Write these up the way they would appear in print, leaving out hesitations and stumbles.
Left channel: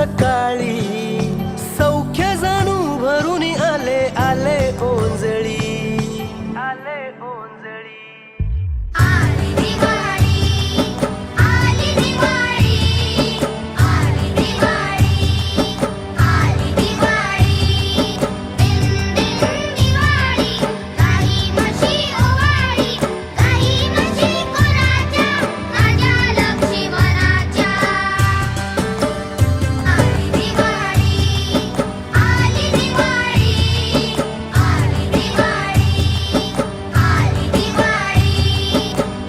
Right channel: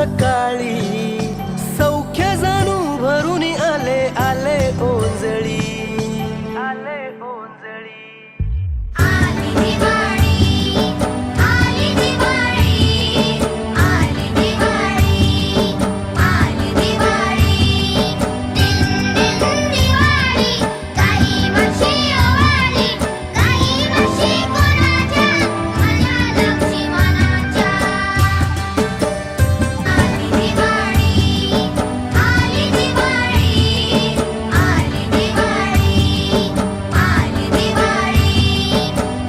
सकाळी, सौख्य जाणू भरून आले आले ओंजळी, आले ओंजळी। आली दिवाळी, आली दिवाळी, आली दिवाळी, आली दिवाळी। दिन दिन दिवाळी, काही वर्षी ओवाळी, काही वर्षी कोणाच्या, माझ्या लक्ष्मणाच्या। आली दिवाळी, आली दिवाळी, आली दिवाळी, आली दिवाळी।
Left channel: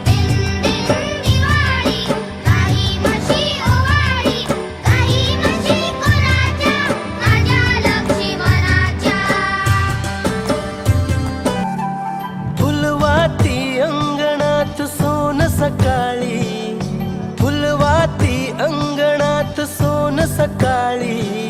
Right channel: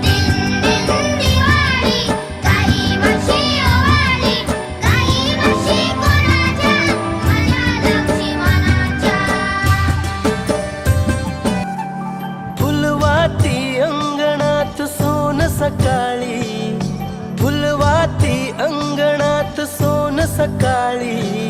दिन दिन दिवाळी, काही वर्षी ओवाळी, काही वर्षी कोणाच्या, माझ्या लक्ष्मणाच्या। फुलवाती अंगणात सोन सकाळी, फुलवाती अंगणात सोन सकाळी,